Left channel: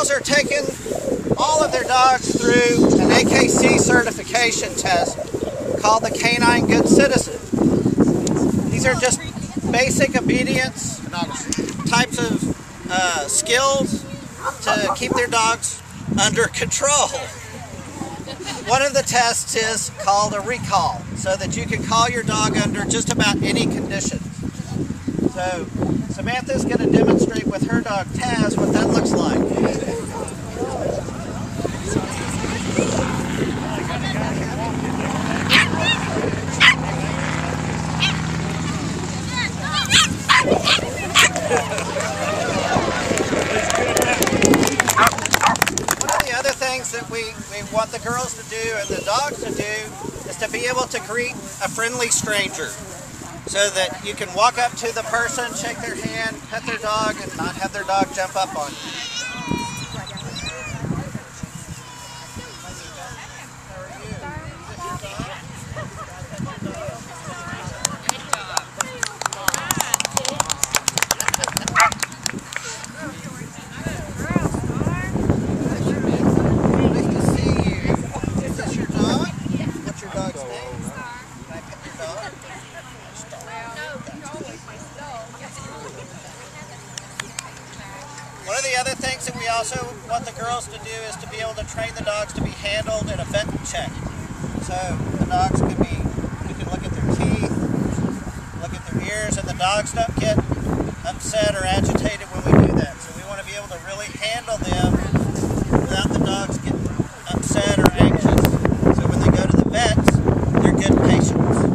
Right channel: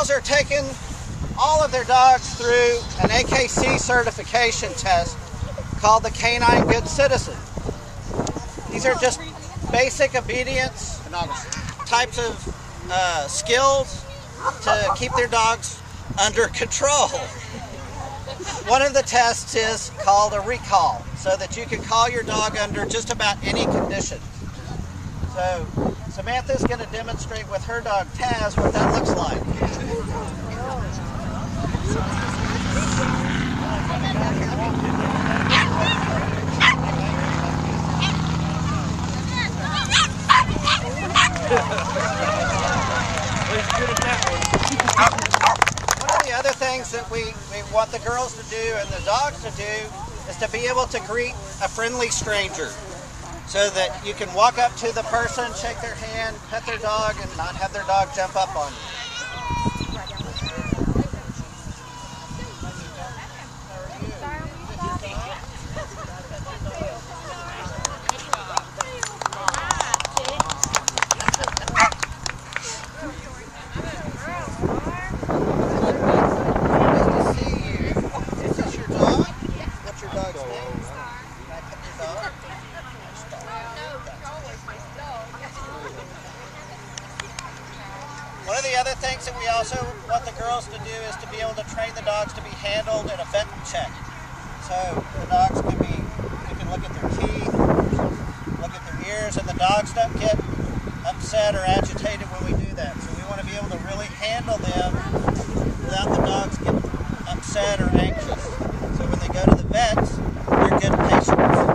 Paws are taking all of their dogs through an AKC certification test called the Canine Good Citizen. These are just basic obedience types of skills to keep their dogs under control. One of the tests is called a recall, so that you can call your dog under just about any conditions. So Samantha's going to demonstrate with her dog Taz what that looks like. One of the other things that we want the girls to do and the dogs to do is to be able to greet a friendly stranger, so that you can walk up to the person, shake their hand, pet their dog, and not have their dog jump up on you. One of the other things that we also want the girls to do is to be able to train the dogs to be handled in a vet check. So the dogs can be, we can look at their teeth, look at their ears, and the dogs don't get upset or agitated when we do that. So we want to be able to really handle them without the dogs getting upset or anxious. So when they go to the vets, they're good patients.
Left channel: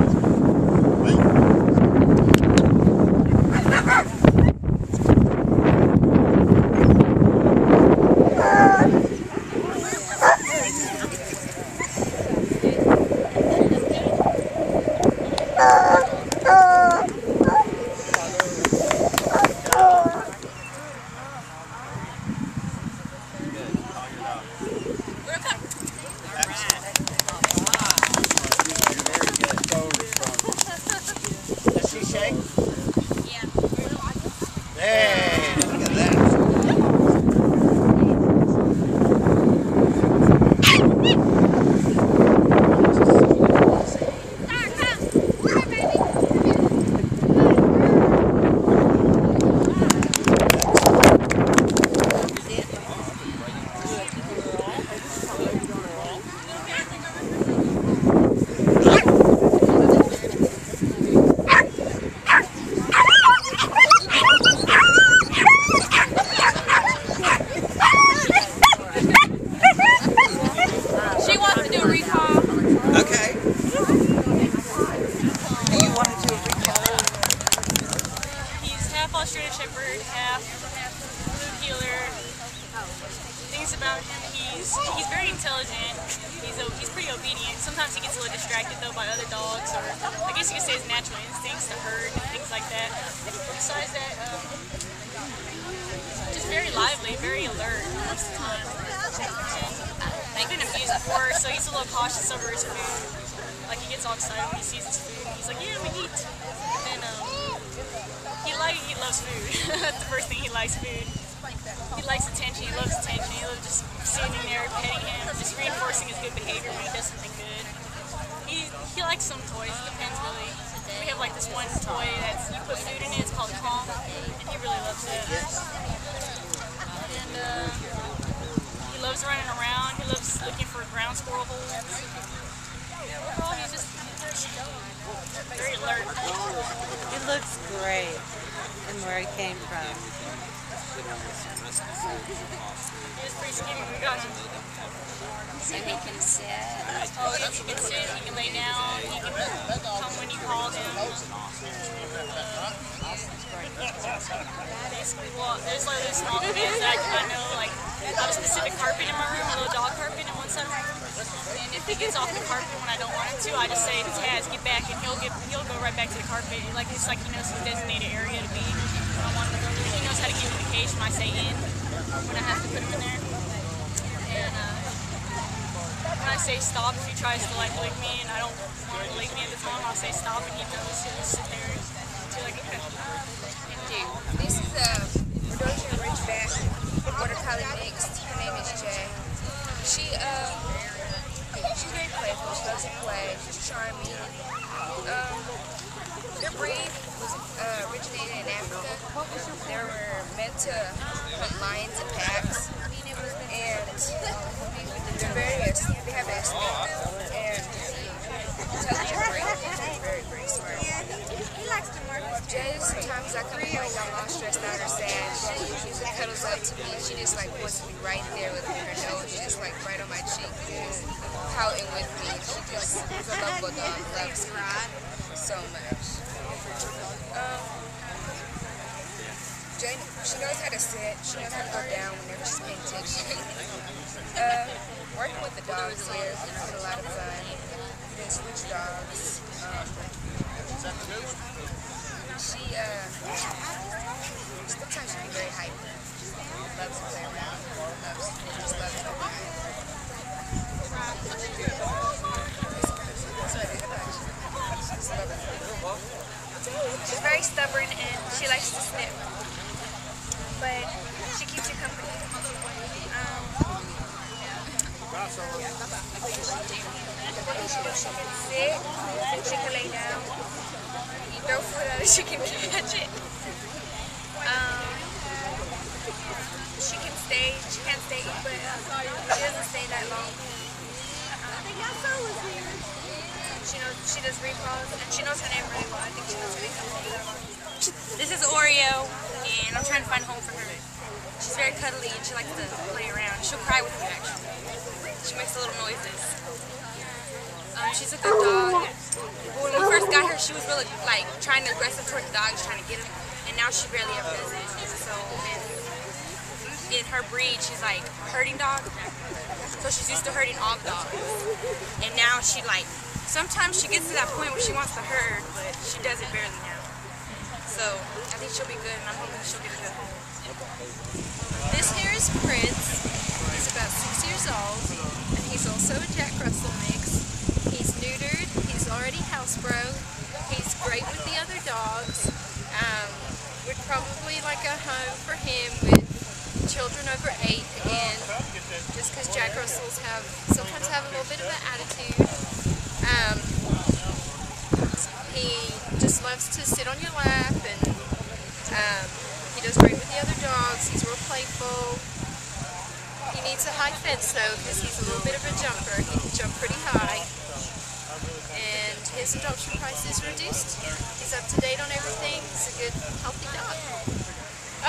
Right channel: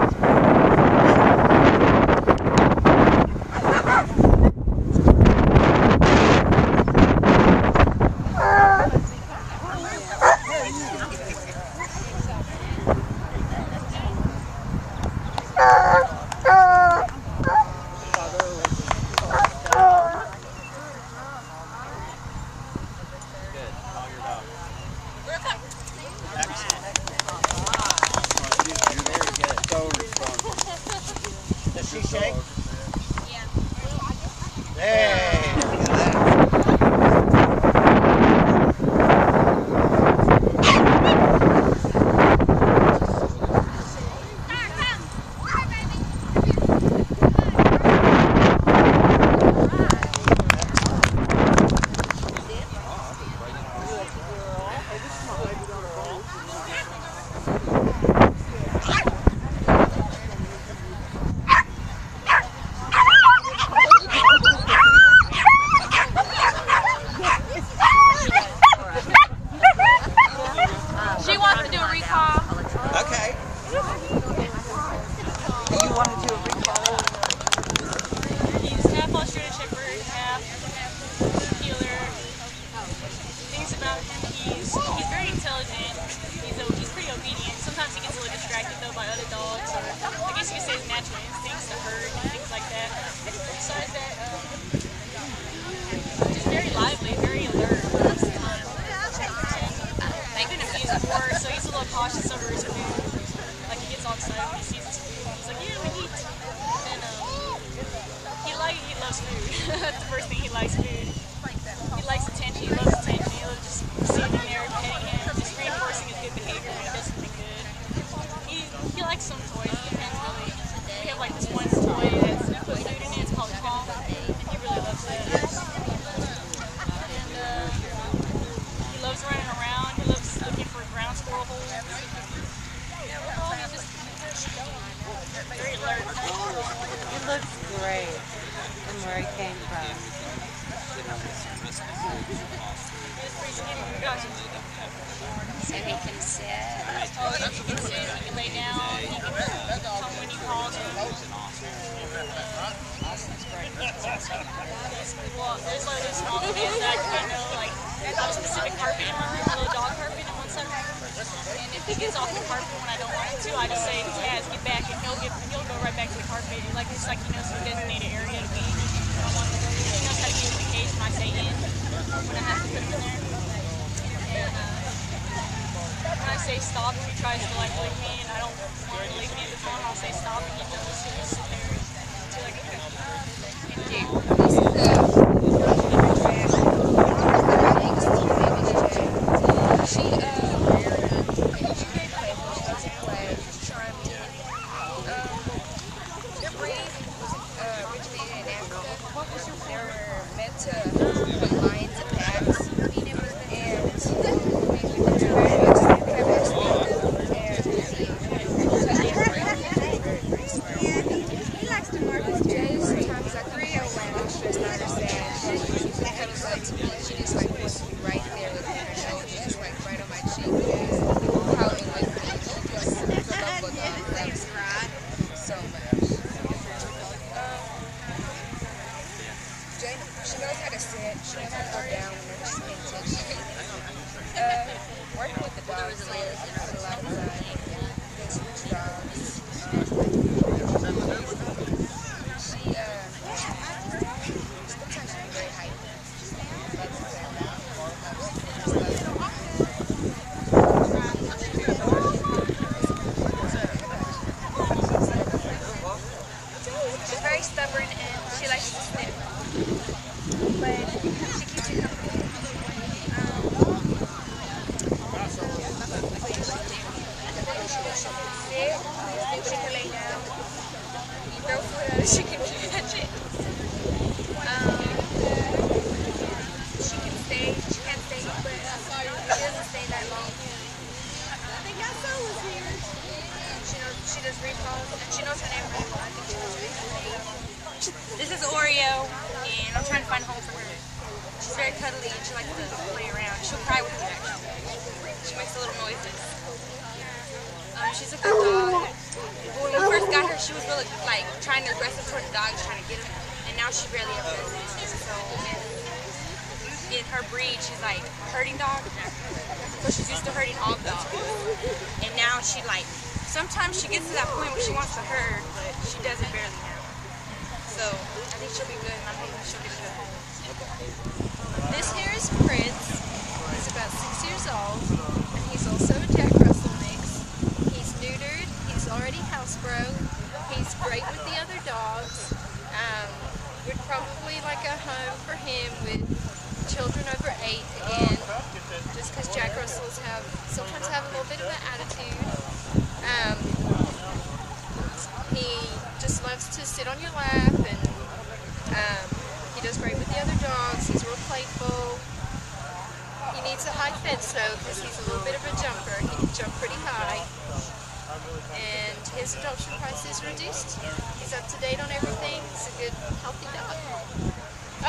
Does she shake? Yeah. Hey, look at that. Okay. Do you want to do a recall? He's half Australian Shepherd, half blue heeler. Things about him, he's very intelligent. He's pretty obedient. Sometimes he gets a little distracted though by other dogs, or I guess you could say his natural instincts to herd and things like that. Besides that, he's just very lively, very alert most of the time. He's been abused before, so he's a little cautious over his food. Like, he gets all excited when he sees his food, and he's like, yeah, I'm gonna eat. But then, he loves food. That's the first thing, he likes food. He likes attention, he loves attention. He loves just sitting there, petting him, just reinforcing his good behavior when he does something good. He likes some toys, it depends really. We have like this one toy that's, you put food in it, it's called a Kong, and he really loves it. And, he loves running around. He loves looking for ground squirrel holes. Overall, he's very alert. It looks great from where he came from. He is pretty skinny. We got him. And he can sit. Oh, yeah, he can sit. He can lay down. He can come when you call him. Basically, well, there's like those small commands that I know, like, I have a specific carpet in my room, a little dog carpet in one side of my room, and if he gets off the carpet when I don't want him to, I just say, Taz, get back, and he'll go right back to the carpet. Like, it's like he knows his designated area to be when I want him to go. He knows how to get in the cage when I say in, when I have to put him in there. And when I say stop, if he tries to like lick me and I don't want him to lick me at the time, I'll say stop, and he knows. He'll just sit there and be like, okay. This is a Yorkshire Ridgeback Water Collar mixed. like to hunt lions and packs, and they're they have a instinctive and intelligent brain. They're very, very smart. Jay, sometimes I come home like I'm all stressed out or sad. She usually cuddles up to me. She just like wants to be right there with me. Her nose just like right on my cheek and just pouting with me. She just is a lovable dog, loves me so much. Jane, she knows how to sit. She knows how to go down whenever she's paying attention. Working with the dogs here has been a lot of fun. We did switch dogs. Sometimes she can be very hyper. Loves to play around. Just loves to play. She's very stubborn and she likes to snip, but she keeps you company. What can she do? She can sit, she can lay down. You throw food at her, she can catch it. She can't stay, but she doesn't stay that long. She does repaws, and she knows her name really well. I think she knows her name really well. This is Oreo, and I'm trying to find a home for her. She's very cuddly, and she likes to play around. She'll cry with you, actually. She makes little noises. She's a good dog. When we first got her, she was really like trying to aggressive toward the dogs, trying to get them, and now she barely ever does it. So in her breed, she's like a herding dog. So she's used to herding all the dogs, and now she like. Sometimes she gets to that point where she wants to herd, but she does it barely now. So I think she'll be good, and I'm hoping she'll get a good home. This here is Prince. He's about 6 years old, and he's also a Jack Russell mix. He's neutered. He's already housebroke. He's great with the other dogs. Would probably like a home for him with children over 8 again, just because Jack Russells sometimes have a little bit of an attitude. He just loves to sit on your lap, and he does great with the other dogs. He's real playful. He needs a high fence though, because he's a little bit of a jumper. He can jump pretty high. And his adoption price is reduced. He's up to date on everything. He's a good, healthy dog.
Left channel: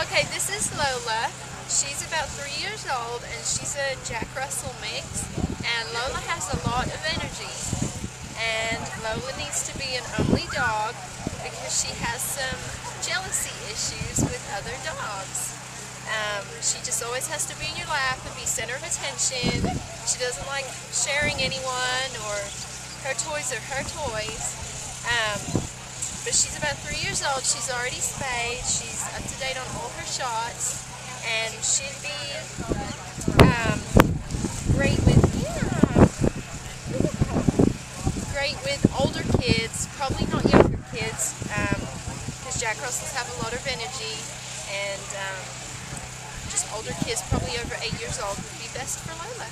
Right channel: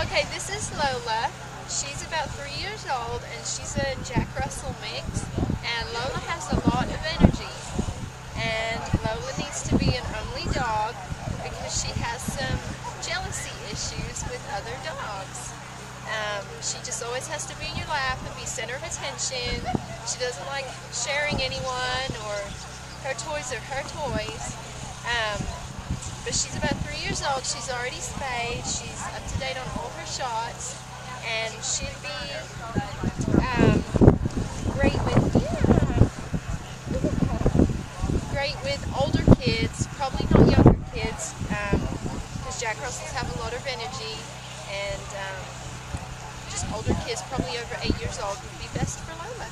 Okay, this is Lola. She's about 3 years old, and she's a Jack Russell mix. And Lola has a lot of energy. And Lola needs to be an only dog because she has some jealousy issues with other dogs. She just always has to be in your lap and be center of attention. She doesn't like sharing anyone, or her toys are her toys. But she's about 3 years old. She's already spayed. She's up to date on all her shots, and should be great with older kids, probably not younger kids, because Jack Russells have a lot of energy, and just older kids, probably over 8 years old, would be best for Lola.